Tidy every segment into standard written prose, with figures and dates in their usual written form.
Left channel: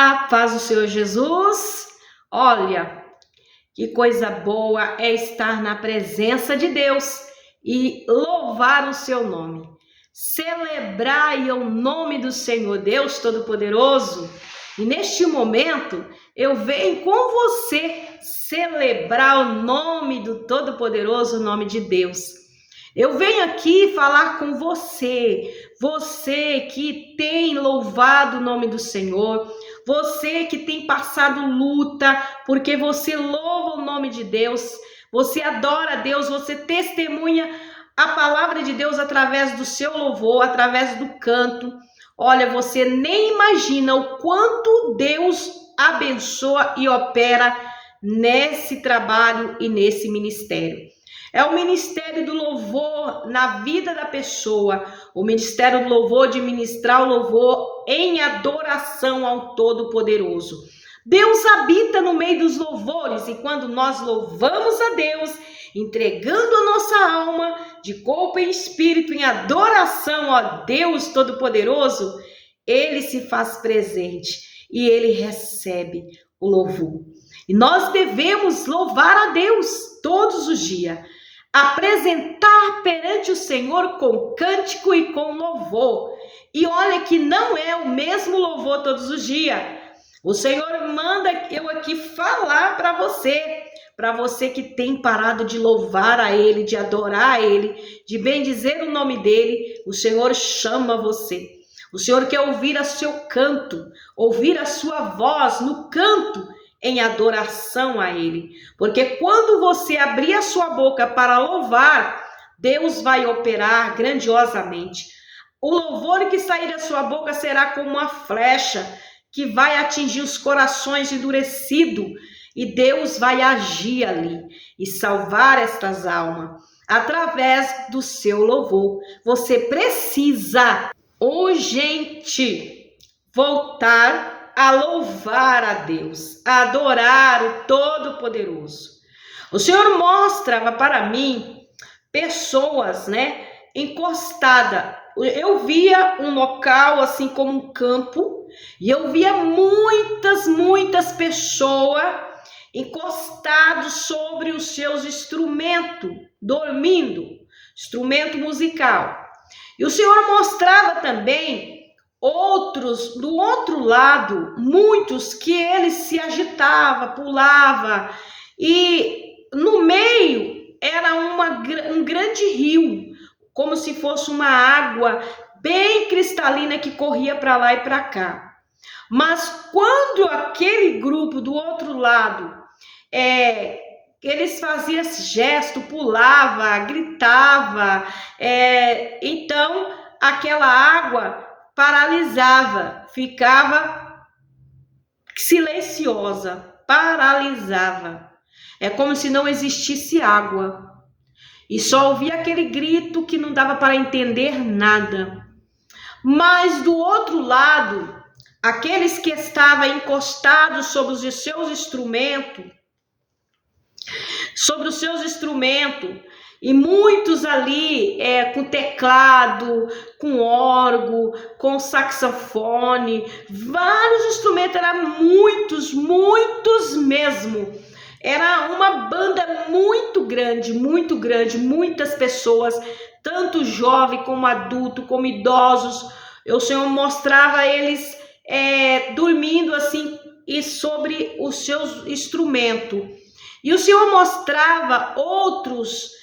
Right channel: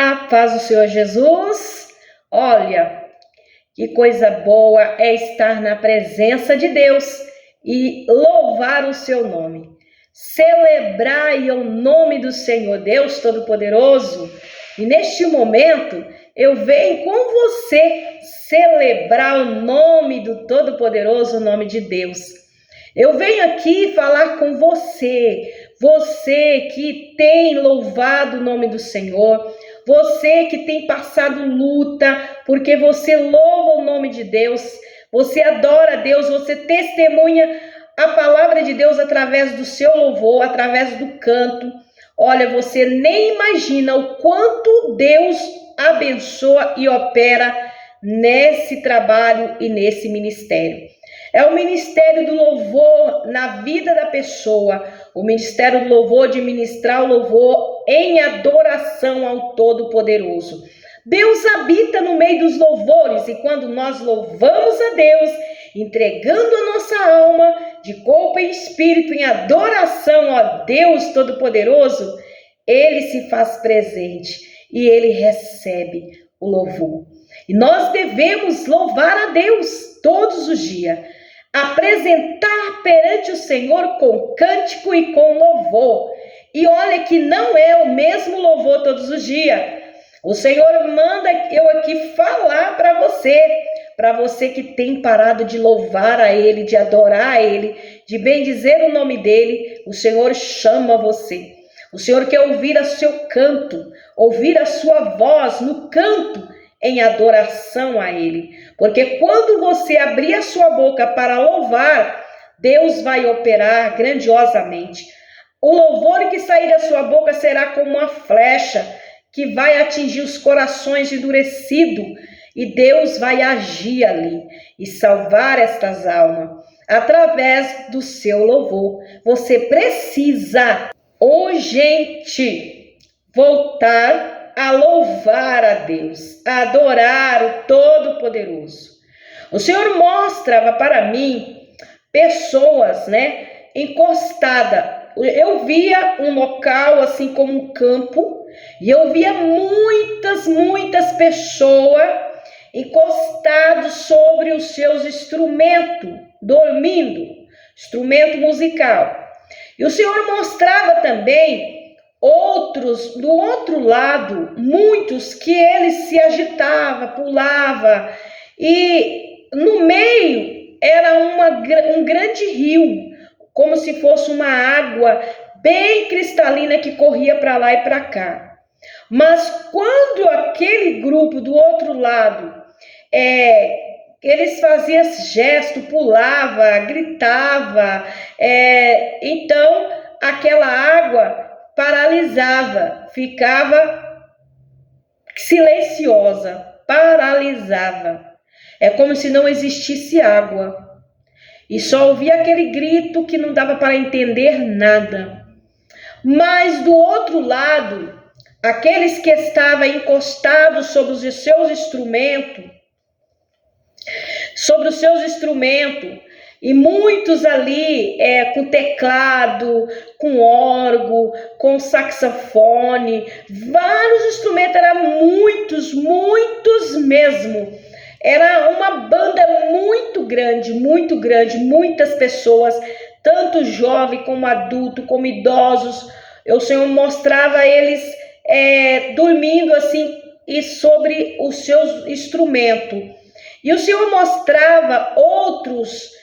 A paz do Senhor Jesus. Olha, que coisa boa é estar na presença de Deus e louvar o seu nome. Celebrai o nome do Senhor Deus Todo-Poderoso. E neste momento eu venho com você celebrar o nome do Todo-Poderoso, o nome de Deus. Eu venho aqui falar com você que tem louvado o nome do Senhor, você que tem passado luta, porque você louva o nome de Deus, você adora a Deus, você testemunha a palavra de Deus através do seu louvor, através do canto. Olha, você nem imagina o quanto Deus abençoa e opera nesse trabalho e nesse ministério. É o ministério do louvor na vida da pessoa, o ministério do louvor de ministrar o louvor em adoração ao Todo-Poderoso. Deus habita no meio dos louvores e quando nós louvamos a Deus, entregando a nossa alma de corpo e espírito em adoração a Deus Todo-Poderoso, Ele se faz presente e Ele recebe o louvor. E nós devemos louvar a Deus todos os dias, apresentar perante o Senhor com cântico e com louvor. E olha que não é o mesmo louvor todos os dias. O Senhor manda eu aqui falar para você que tem parado de louvar a Ele, de adorar a Ele, de bendizer o nome dEle. O Senhor chama você. O Senhor quer ouvir o seu canto, ouvir a sua voz no canto, em adoração a Ele, porque quando você abrir a sua boca para louvar, Deus vai operar grandiosamente. O louvor que sair da sua boca será como uma flecha que vai atingir os corações endurecidos e Deus vai agir ali e salvar estas almas através do seu louvor. Você precisa urgente voltar a louvar a Deus, a adorar o Todo-Poderoso. O Senhor mostrava para mim pessoas, encostadas. Eu via um local assim como um campo e eu via muitas pessoas encostadas sobre os seus instrumentos, dormindo, instrumento musical. E o Senhor mostrava também outros do outro lado, muitos que eles se agitava, pulava e no meio era um grande rio, como se fosse uma água bem cristalina que corria para lá e para cá. Mas quando aquele grupo do outro lado, eles faziam esse gesto, pulava, gritava, então aquela água paralisava, ficava silenciosa, paralisava. É como se não existisse água. E só ouvia aquele grito que não dava para entender nada. Mas do outro lado, aqueles que estavam encostados sobre os seus instrumentos, e muitos ali com teclado, com órgão, com saxofone, vários instrumentos, eram muitos mesmo. Era uma banda muito grande, muitas pessoas, tanto jovem como adulto, como idosos. O Senhor mostrava eles dormindo assim e sobre os seus instrumentos. E o Senhor mostrava outros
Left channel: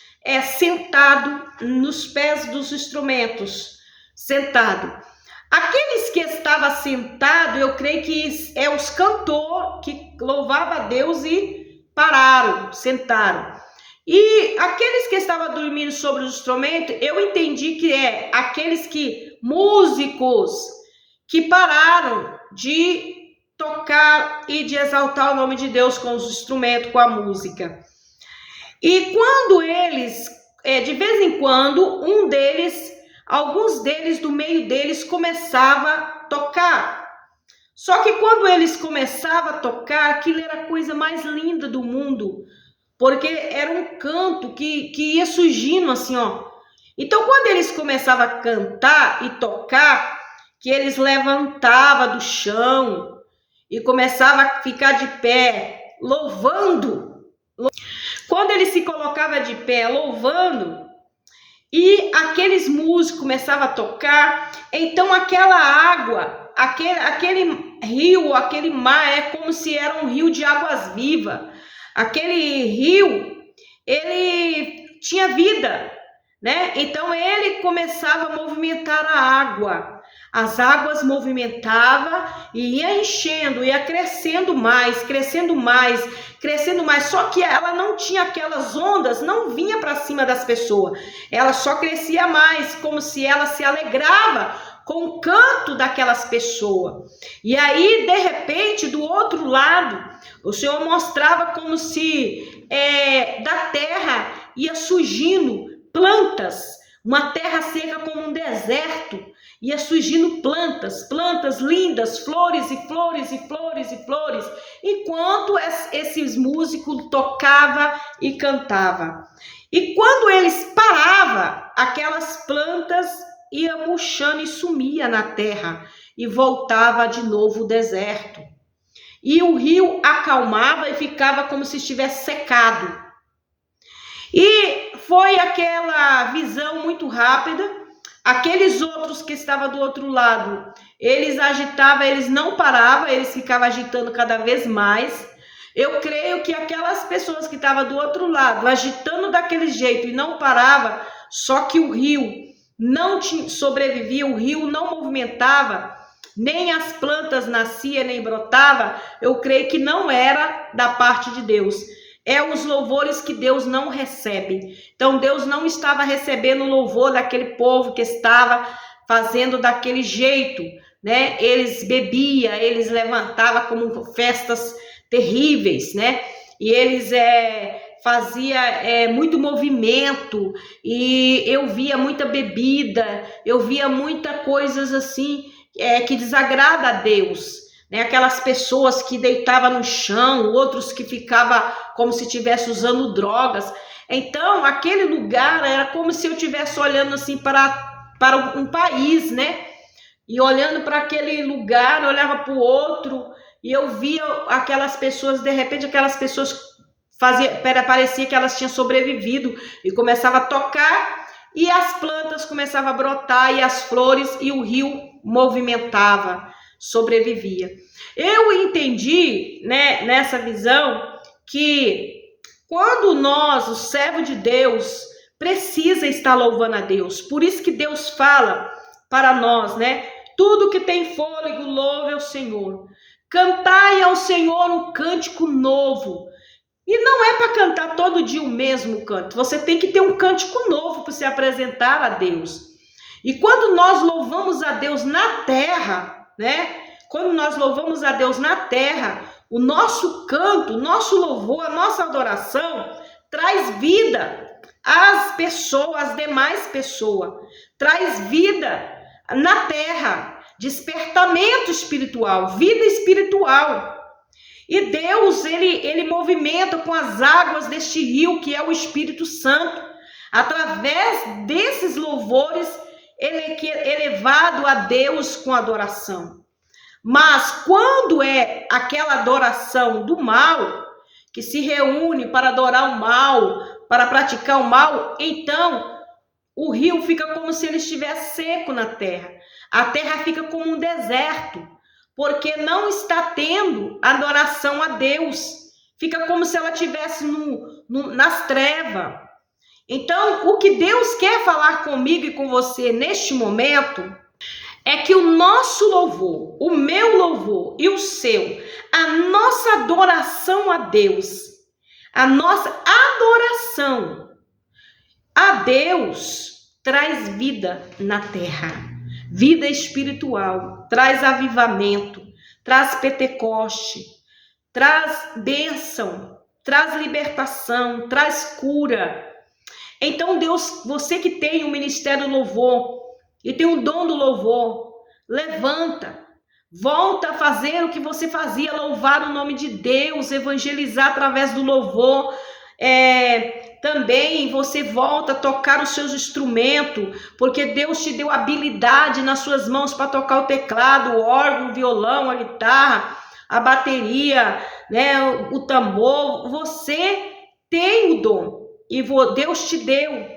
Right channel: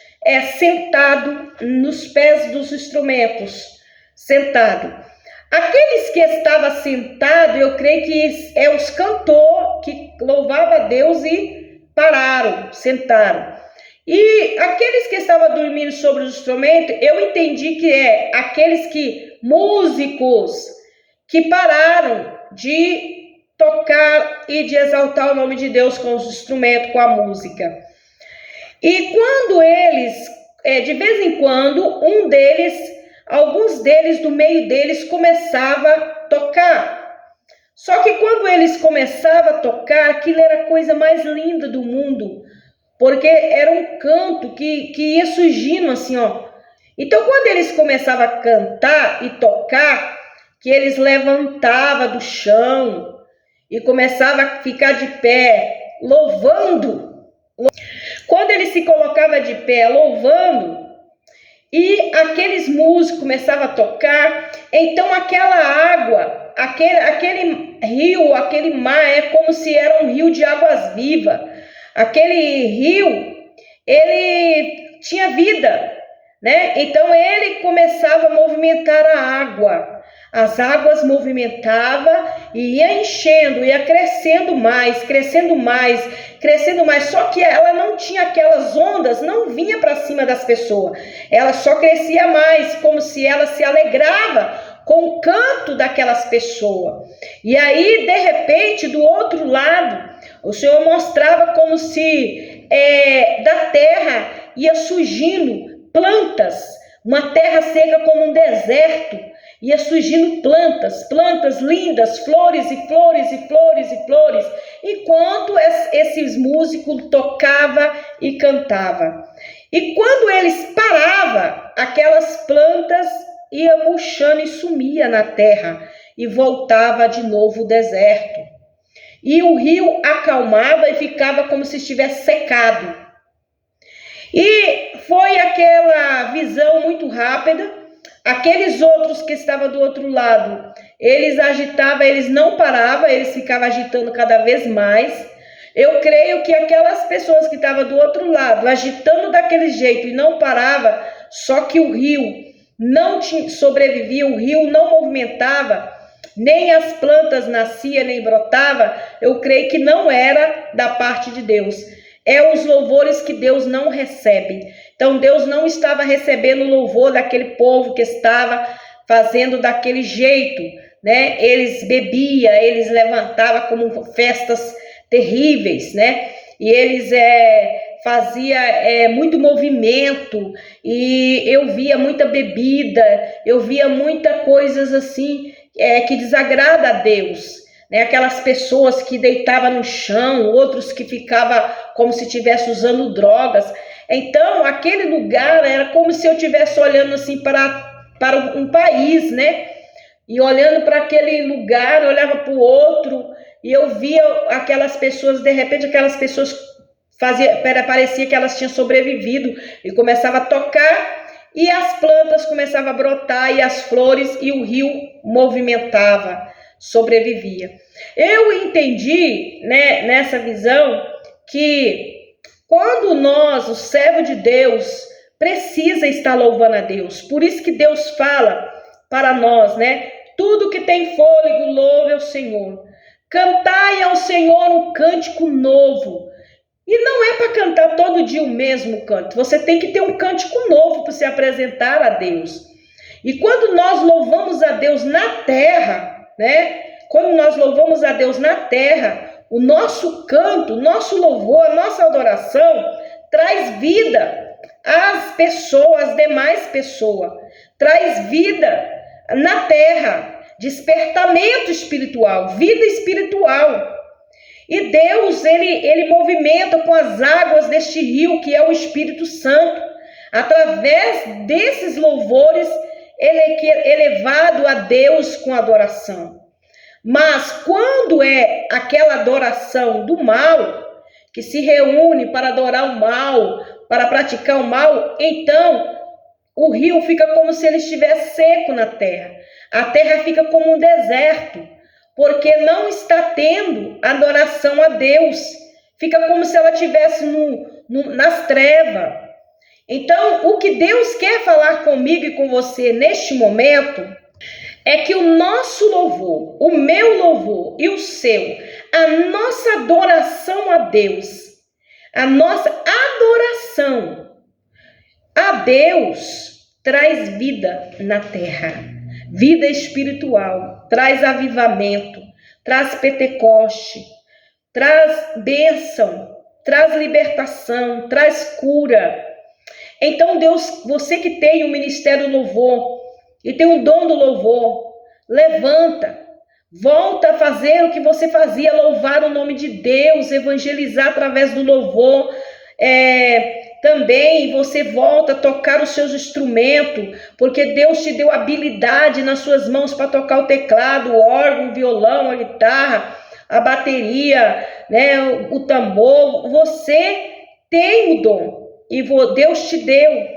sentado nos pés dos instrumentos, sentado. Aqueles que estavam sentados, eu creio que é os cantores que louvavam a Deus e pararam, sentaram. E aqueles que estavam dormindo sobre os instrumentos, eu entendi que aqueles músicos que pararam de tocar e de exaltar o nome de Deus com os instrumentos, com a música. E quando eles, de vez em quando, alguns deles, do meio deles, começava a tocar. Só que quando eles começavam a tocar, aquilo era a coisa mais linda do mundo, porque era um canto que ia surgindo assim, ó. Então, quando eles começavam a cantar e tocar, que eles levantavam do chão e começava a ficar de pé, louvando. Quando ele se colocava de pé, louvando, e aqueles músicos começavam a tocar, então aquela água, aquele rio, aquele mar, é como se era um rio de águas vivas. Aquele rio, ele tinha vida, né? Então ele começava a movimentar a água. As águas movimentavam e ia enchendo, ia crescendo mais, crescendo mais, crescendo mais. Só que ela não tinha aquelas ondas, não vinha para cima das pessoas. Ela só crescia mais, como se ela se alegrava com o canto daquelas pessoas. E aí, de repente, do outro lado, o Senhor mostrava como se da terra ia surgindo plantas, uma terra seca como um deserto, ia surgindo plantas lindas, flores e flores e flores e flores, enquanto esses músicos tocavam e cantavam. E quando eles paravam, aquelas plantas iam murchando e sumia na terra, e voltava de novo o deserto. E o rio acalmava e ficava como se estivesse secado. E foi aquela visão muito rápida. Aqueles outros que estavam do outro lado, eles agitavam, eles não paravam, eles ficavam agitando cada vez mais. Eu creio que aquelas pessoas que estavam do outro lado, agitando daquele jeito e não parava, só que o rio não sobrevivia, o rio não movimentava, nem as plantas nasciam, nem brotava, eu creio que não era da parte de Deus. É os louvores que Deus não recebe. Então Deus não estava recebendo o louvor daquele povo que estava fazendo daquele jeito, né? Eles bebiam, eles levantavam como festas terríveis, né? E eles fazia muito movimento, e eu via muita bebida, eu via muita coisas assim que desagrada a Deus, né? Aquelas pessoas que deitavam no chão, outros que ficavam como se estivesse usando drogas. Então aquele lugar era como se eu estivesse olhando assim para um país, né? E olhando para aquele lugar, eu olhava para o outro e eu via aquelas pessoas, de repente aquelas pessoas parecia que elas tinham sobrevivido, e começava a tocar e as plantas começavam a brotar e as flores, e o rio movimentava, sobrevivia. Eu entendi, né, nessa visão, que quando nós, o servo de Deus, precisa estar louvando a Deus. Por isso que Deus fala para nós, né? Tudo que tem fôlego, louve ao Senhor. Cantai ao Senhor um cântico novo. E não é para cantar todo dia o mesmo canto. Você tem que ter um cântico novo para se apresentar a Deus. E quando nós louvamos a Deus na terra, né? Quando nós louvamos a Deus na terra, o nosso canto, o nosso louvor, a nossa adoração traz vida às pessoas, às demais pessoas. Traz vida na terra, despertamento espiritual, vida espiritual. E Deus, ele movimenta com as águas deste rio, que é o Espírito Santo. Através desses louvores, ele é elevado a Deus com adoração. Mas quando é aquela adoração do mal, que se reúne para adorar o mal, para praticar o mal, então o rio fica como se ele estivesse seco na terra. A terra fica como um deserto, porque não está tendo adoração a Deus. Fica como se ela estivesse nas trevas. Então, o que Deus quer falar comigo e com você neste momento é que o nosso louvor, o meu louvor e o seu, a nossa adoração a Deus, a nossa adoração a Deus traz vida na terra, vida espiritual, traz avivamento, traz Pentecoste, traz bênção, traz libertação, traz cura. Então Deus, você que tem o ministério do louvor e tem o dom do louvor, levanta, volta a fazer o que você fazia, louvar o nome de Deus, evangelizar através do louvor. Também você volta a tocar os seus instrumentos, porque Deus te deu habilidade nas suas mãos para tocar o teclado, o órgão, o violão, a guitarra, a bateria, né, o tambor. Você tem o dom e Deus te deu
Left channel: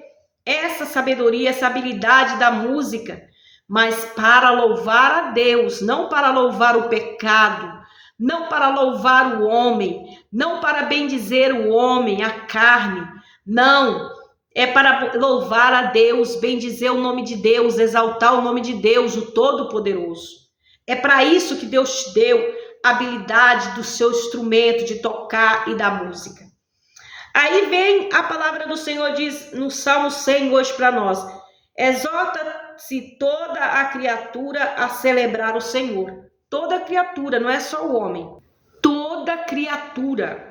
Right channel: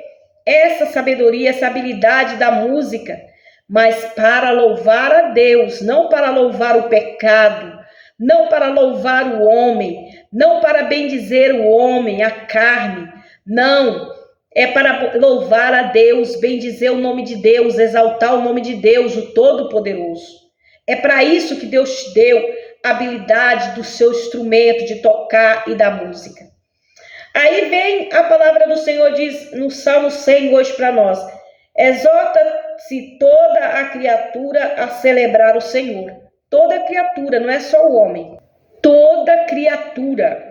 essa sabedoria, essa habilidade da música, mas para louvar a Deus, não para louvar o pecado, não para louvar o homem, não para bendizer o homem, a carne, não, é para louvar a Deus, bendizer o nome de Deus, exaltar o nome de Deus, o Todo-Poderoso. É para isso que Deus te deu a habilidade do seu instrumento, de tocar e da música. Aí vem a palavra do Senhor, diz no Salmo 100 hoje para nós: exorta-se toda a criatura a celebrar o Senhor. Toda criatura, não é só o homem. Toda criatura.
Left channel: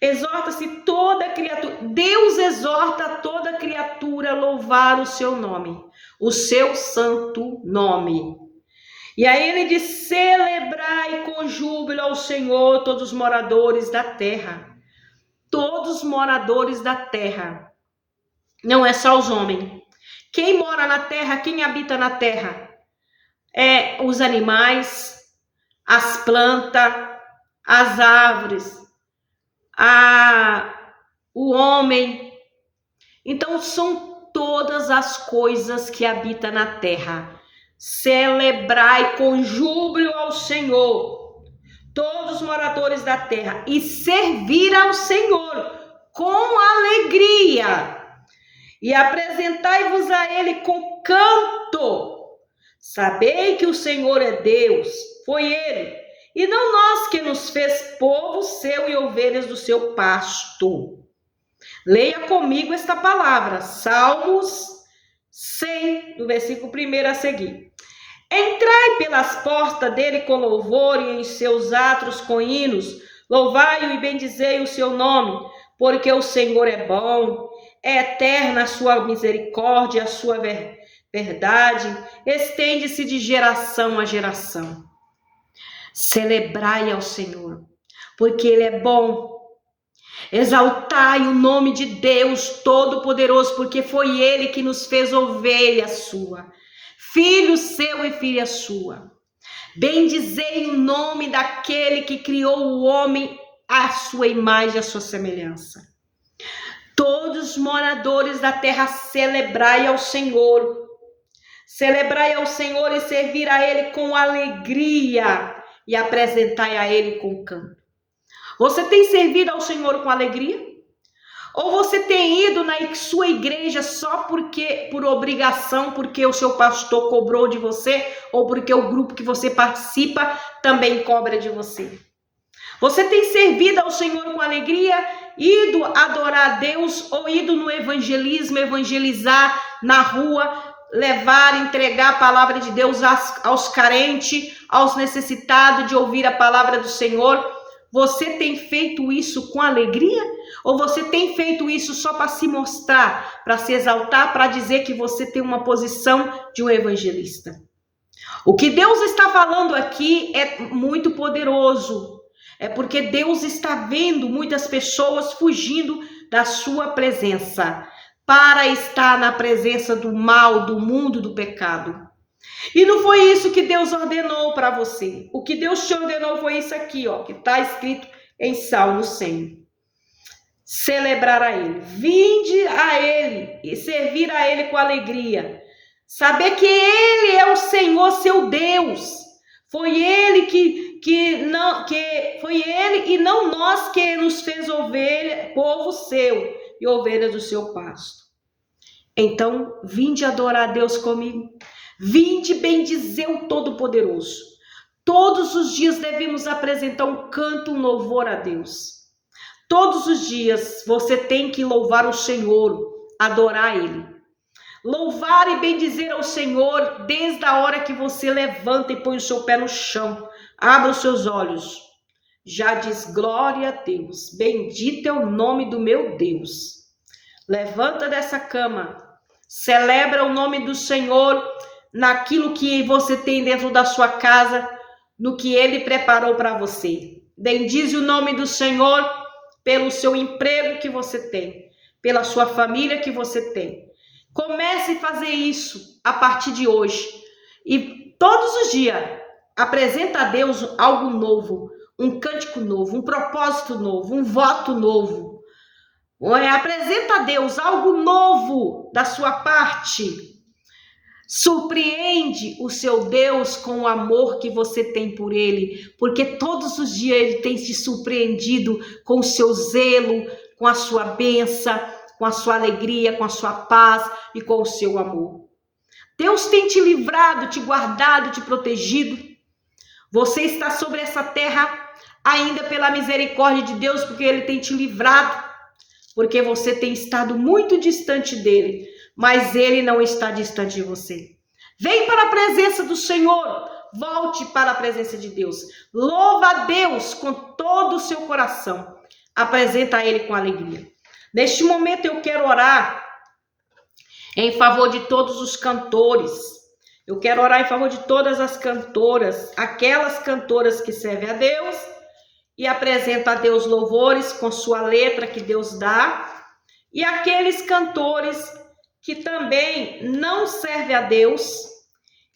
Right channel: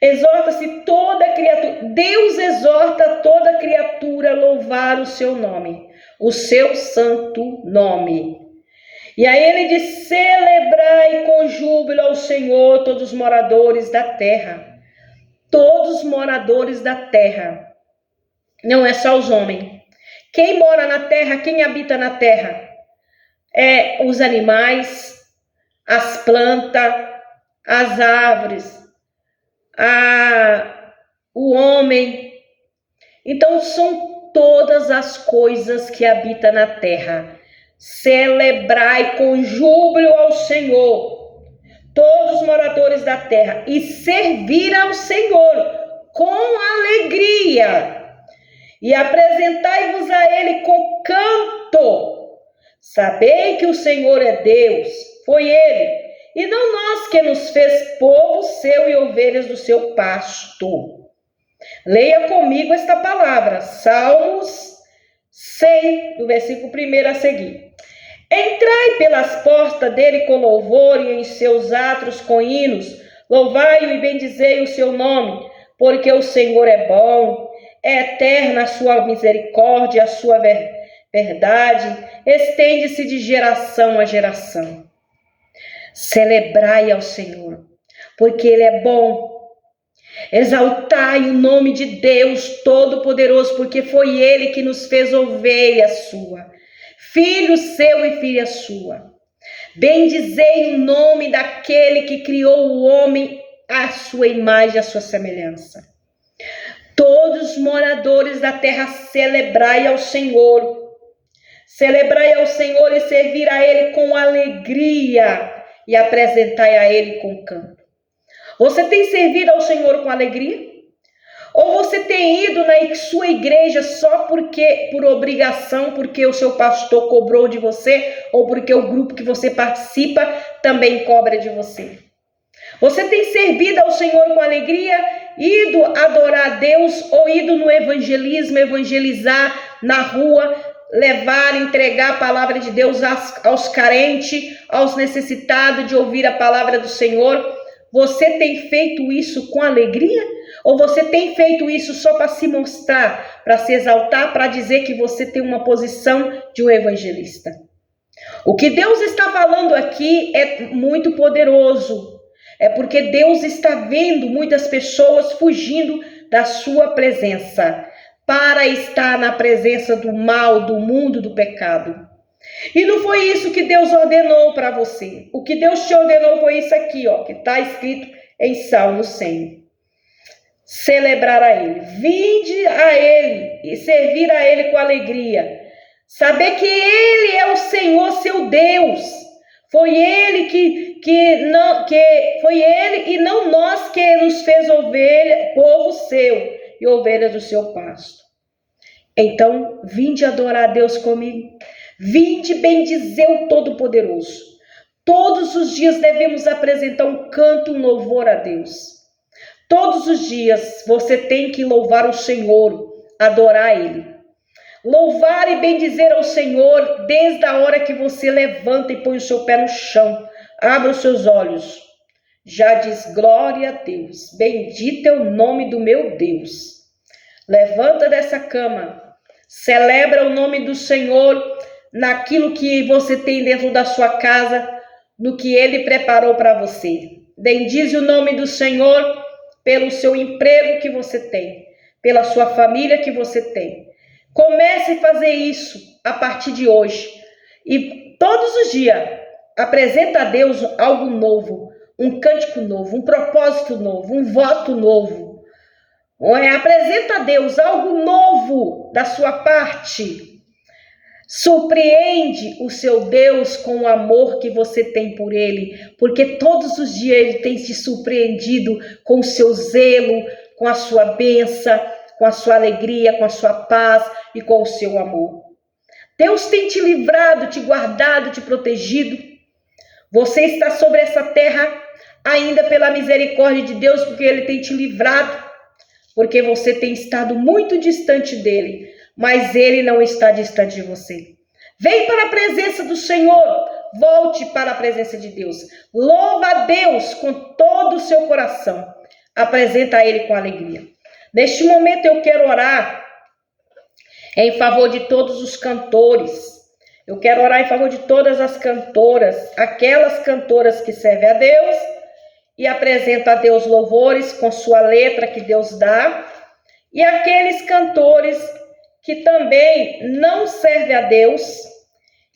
Exorta-se toda criatura. Deus exorta toda criatura a louvar o seu nome, o seu santo nome. E aí ele diz: celebrai com júbilo ao Senhor todos os moradores da terra. Todos os moradores da terra. Não é só os homens. Quem mora na terra, quem habita na terra? Os animais, as plantas, as árvores, o homem. Então são todas as coisas que habitam na terra. Celebrai com júbilo ao Senhor, todos os moradores da terra, e servir ao Senhor com alegria, e apresentai-vos a Ele com canto. Sabei que o Senhor é Deus, foi Ele, e não nós, que nos fez povo seu e ovelhas do seu pasto. Leia comigo esta palavra, Salmos 100, do versículo 1 a seguir. Entrai pelas portas dele com louvor e em seus átrios com hinos. Louvai-o e bendizei o seu nome, porque o Senhor é bom, é eterna a sua misericórdia, a sua verdade, estende-se de geração a geração. Celebrai ao Senhor, porque Ele é bom. Exaltai o nome de Deus Todo-Poderoso, porque foi Ele que nos fez ovelha sua, filho seu e filha sua. Bendizei o nome daquele que criou o homem à sua imagem e à sua semelhança. Todos os moradores da terra, celebrai ao Senhor. Celebrai ao Senhor e servir a Ele com alegria e apresentai a Ele com canto. Você tem servido ao Senhor com alegria? Ou você tem ido na sua igreja só por obrigação, porque o seu pastor cobrou de você, ou porque o grupo que você participa também cobra de você? Você tem servido ao Senhor com alegria, ido adorar a Deus, ou ido no evangelismo, evangelizar na rua, levar, entregar a palavra de Deus aos carentes, aos necessitados de ouvir a palavra do Senhor? Você tem feito isso com alegria? Ou você tem feito isso só para se mostrar, para se exaltar, para dizer que você tem uma posição de um evangelista? O que Deus está falando aqui é muito poderoso. É porque Deus está vendo muitas pessoas fugindo da sua presença, para estar na presença do mal, do mundo, do pecado. E não foi isso que Deus ordenou para você. O que Deus te ordenou foi isso aqui, ó, que está escrito em Salmo 100. Celebrar a Ele, vinde a Ele e servir a Ele com alegria. Saber que Ele é o Senhor, seu Deus. Foi Ele foi Ele e não nós que nos fez ovelha, povo seu e ovelhas do seu pasto. Então, vinde adorar a Deus comigo. Vinde bendizer o Todo-Poderoso. Todos os dias devemos apresentar um canto, um louvor a Deus. Todos os dias você tem que louvar o Senhor, adorar Ele. Louvar e bendizer ao Senhor desde a hora que você levanta e põe o seu pé no chão. Abra os seus olhos. Já diz glória a Deus. Bendito é o nome do meu Deus. Levanta dessa cama. Celebra o nome do Senhor naquilo que você tem dentro da sua casa, no que Ele preparou para você. Bendize o nome do Senhor pelo seu emprego que você tem, pela sua família que você tem. Comece a fazer isso a partir de hoje. E todos os dias, apresenta a Deus algo novo, um cântico novo, um propósito novo, um voto novo. Apresenta a Deus algo novo da sua parte. Surpreende o seu Deus com o amor que você tem por Ele, porque todos os dias Ele tem te surpreendido com o seu zelo, com a sua bênção, com a sua alegria, com a sua paz e com o seu amor. Deus tem te livrado, te guardado, te protegido. Você está sobre essa terra ainda pela misericórdia de Deus, porque Ele tem te livrado, porque você tem estado muito distante dEle, mas Ele não está distante de você. Vem para a presença do Senhor, volte para a presença de Deus. Louva a Deus com todo o seu coração. Apresenta a Ele com alegria. Neste momento eu quero orar em favor de todos os cantores. Eu quero orar em favor de todas as cantoras, aquelas cantoras que servem a Deus e apresentam a Deus louvores com sua letra que Deus dá, e aqueles cantores que também não servem a Deus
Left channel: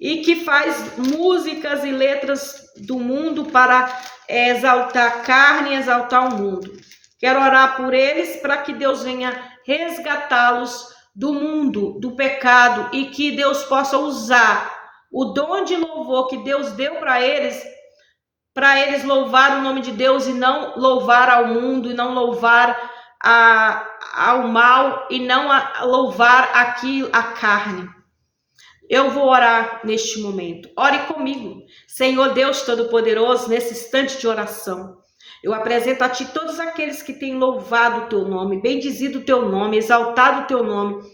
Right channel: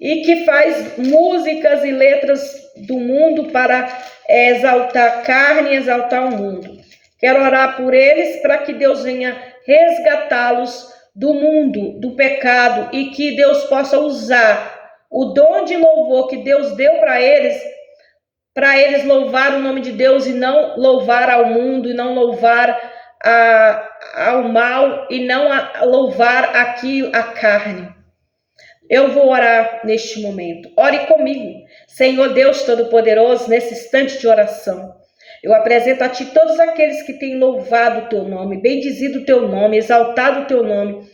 e que faz músicas e letras do mundo para exaltar a carne e exaltar o mundo. Quero orar por eles para que Deus venha resgatá-los do mundo, do pecado, e que Deus possa usar o dom de louvor que Deus deu para eles louvar o nome de Deus e não louvar ao mundo, e não louvar ao mal, e não louvar aqui a carne. Eu vou orar neste momento. Ore comigo. Senhor Deus Todo-Poderoso, nesse instante de oração, eu apresento a Ti todos aqueles que têm louvado o Teu nome, bendizido o Teu nome, exaltado o Teu nome.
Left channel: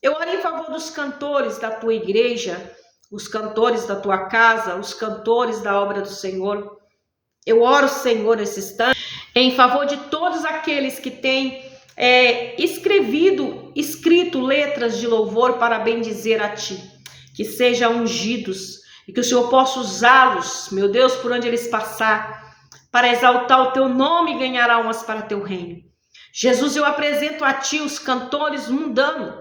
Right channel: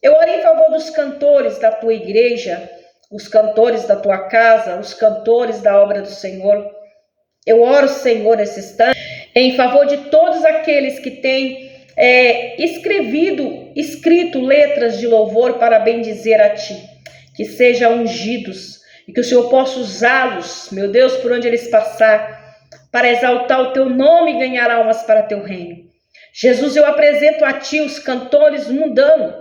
Eu oro em favor dos cantores da Tua igreja, os cantores da Tua casa, os cantores da obra do Senhor. Eu oro, Senhor, nesse instante, em favor de todos aqueles que têm escrito letras de louvor para bendizer a Ti, que sejam ungidos e que o Senhor possa usá-los, meu Deus, por onde eles passar, para exaltar o Teu nome e ganhar almas para Teu reino. Jesus, eu apresento a Ti os cantores mundanos,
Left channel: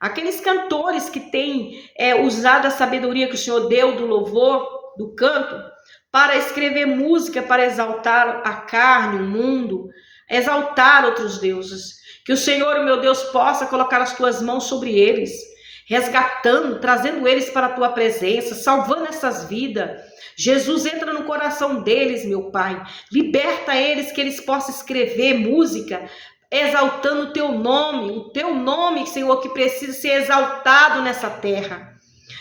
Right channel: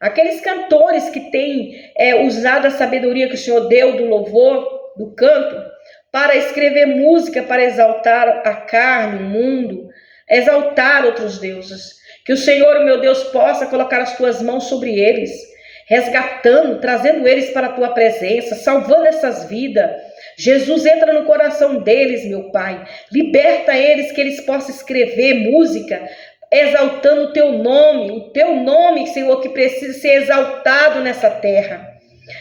aqueles cantores que têm usado a sabedoria que o Senhor deu do louvor, do canto, para escrever música, para exaltar a carne, o mundo, exaltar outros deuses. Que o Senhor, meu Deus, possa colocar as Tuas mãos sobre eles, resgatando, trazendo eles para a Tua presença, salvando essas vidas. Jesus, entra no coração deles, meu Pai. Liberta eles, que eles possam escrever música, exaltando o Teu nome, Senhor, que precisa ser exaltado nessa terra.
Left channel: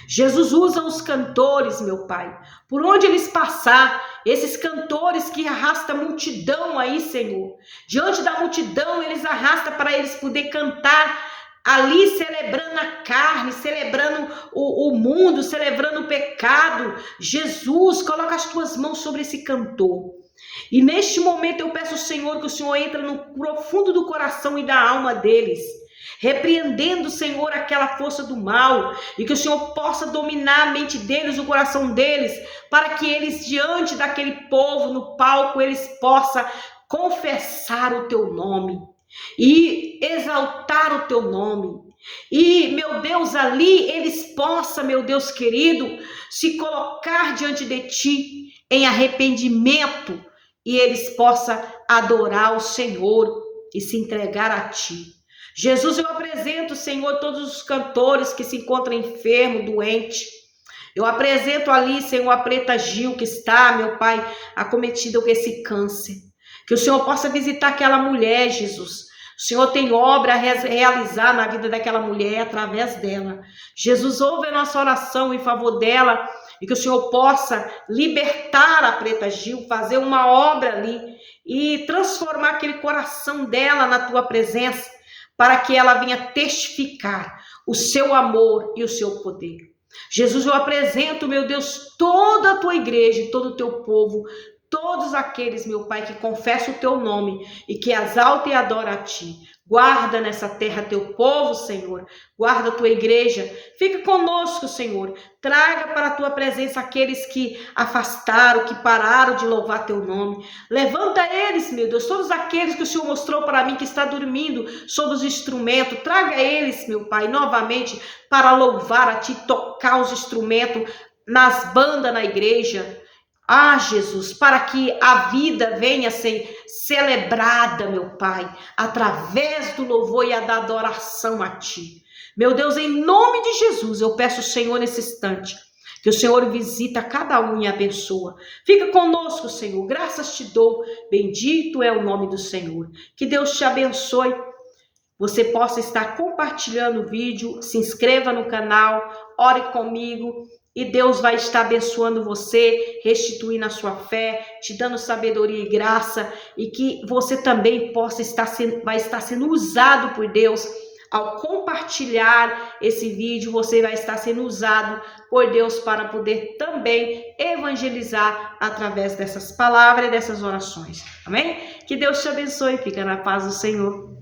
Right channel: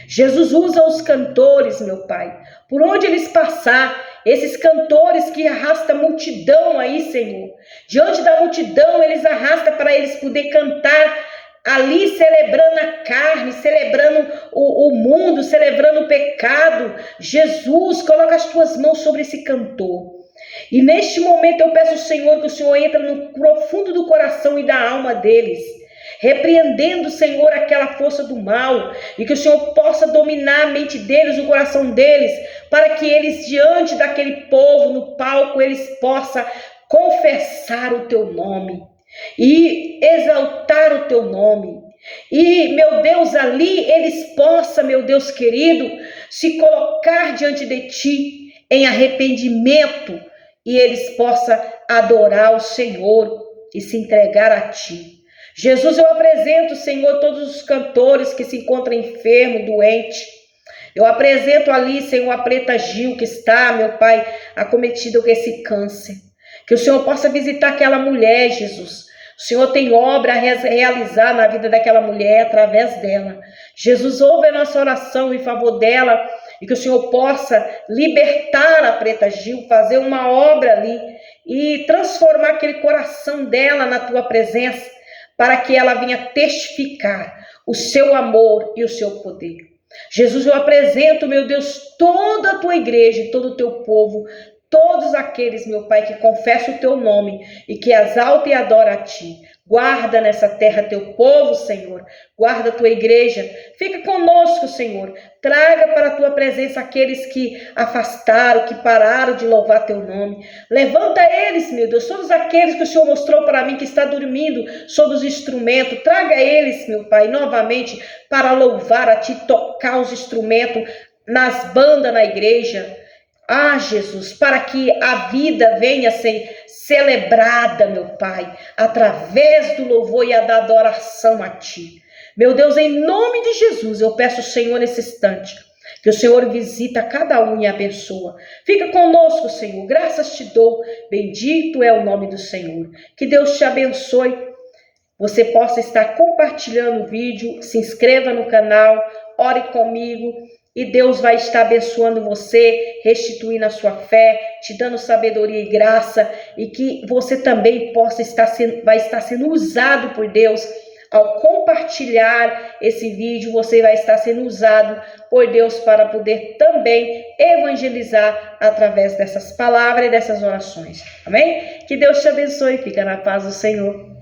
Jesus, usa os cantores, meu Pai, por onde eles passar, esses cantores que arrastam a multidão aí, Senhor. Diante da multidão, eles arrastam para eles poder cantar ali, celebrando a carne, celebrando o mundo, celebrando o pecado. Jesus, coloca as Tuas mãos sobre esse cantor. E neste momento eu peço ao Senhor que o Senhor entre no profundo do coração e da alma deles, repreendendo, Senhor, aquela força do mal, e que o Senhor possa dominar a mente deles, o coração deles, para que eles, diante daquele povo, no palco, eles possam confessar o Teu nome e exaltar o Teu nome. E, meu Deus, ali eles possam, meu Deus querido, se colocar diante de Ti em arrependimento, e eles possam adorar o Senhor e se entregar a Ti. Jesus, eu apresento, Senhor, todos os cantores que se encontram enfermos, doentes. Eu apresento ali, Senhor, a Preta Gil, que está, meu Pai, acometida com esse câncer. Que o Senhor possa visitar aquela mulher, Jesus. O Senhor tem obra a realizar na vida daquela mulher através dela. Jesus, ouve a nossa oração em favor dela, e que o Senhor possa libertar a Preta Gil, fazer uma obra ali e transformar aquele coração dela na Tua presença, para que ela venha testificar o Seu amor e o Seu poder. Jesus, eu apresento, meu Deus, toda a Tua igreja e todo o Teu povo, todos aqueles, meu Pai, que confessam o Teu nome e que exaltam e adoram a Ti. Guarda nessa terra Teu povo, Senhor. Guarda a Tua igreja. Fica conosco, Senhor. Traga para a Tua presença aqueles que afastaram, que pararam de louvar Teu nome. Levanta eles, meu Deus, todos aqueles que o Senhor mostrou para mim que está dormindo sobre os instrumentos. Traga eles, meu Pai, novamente para louvar a Ti, tocar os instrumentos nas bandas na igreja. Ah, Jesus, para que a vida venha a ser celebrada, meu Pai, através do louvor e da adoração a Ti. Meu Deus, em nome de Jesus, eu peço ao Senhor nesse instante, que o Senhor visita cada um e abençoa. Fica conosco, Senhor, graças te dou, bendito é o nome do Senhor. Que Deus te abençoe. Você possa estar compartilhando o vídeo, se inscreva no canal, ore comigo e Deus vai estar abençoando você, restituindo a sua fé, te dando sabedoria e graça e que você também vai estar sendo usado por Deus. Ao compartilhar esse vídeo, você vai estar sendo usado por Deus para poder também evangelizar através dessas palavras e dessas orações. Amém? Que Deus te abençoe. Fica na paz do Senhor.